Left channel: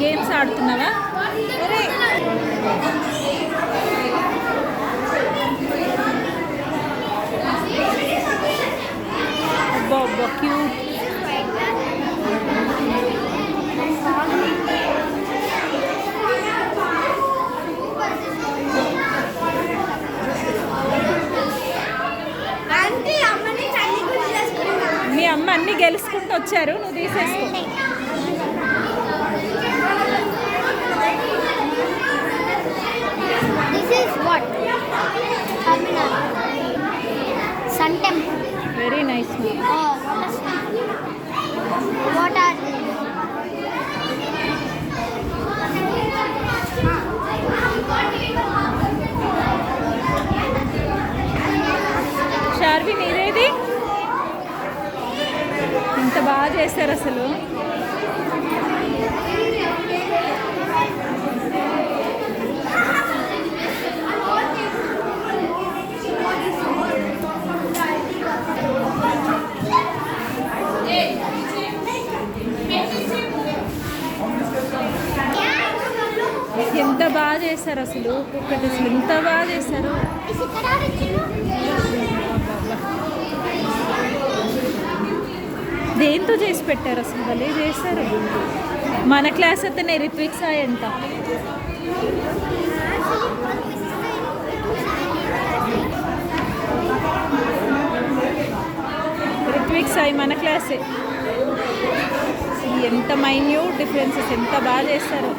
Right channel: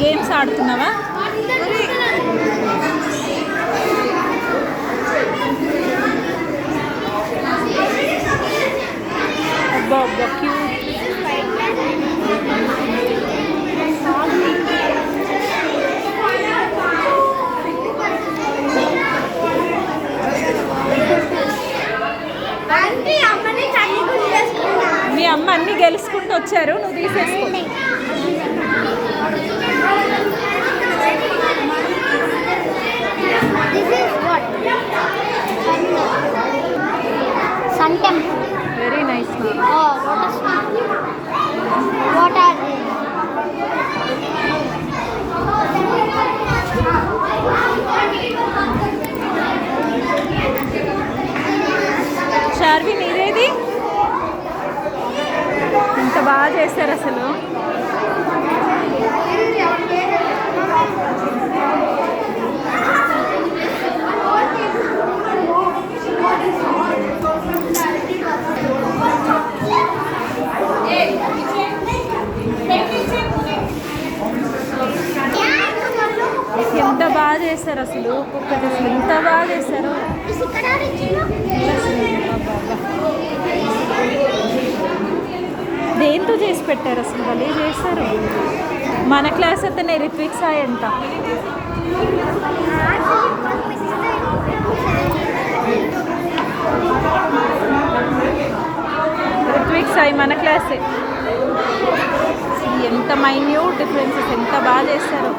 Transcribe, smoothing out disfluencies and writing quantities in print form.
గేమ్స్ ఆడుతున్నావా? అబ్బా అబ్బా క్యూట్. మీ అమ్మ అన్ని గెలుచుకుంటూ వచ్చారు, నువ్వు తీసేసుకో. Very nice. శార్వి మీరేది? ఇంత బాగా చేశారు అసలు. ఎంత బాగా చేశారు అసలు, ఒక్కొక్కటి అసలు ఎంత బాగా చేశారు. దేంతో చేసి పెట్టారు అసలు, వాళ్ళు చేశారు. మన క్లాస్ అతనే రిత్విక్ సాయి అంట. రిత్విక్ సాయి మన క్లాసే. ఎంత మైన్యూట్ డిఫరెన్సెస్, ఎంత బాగా చేస్తారు.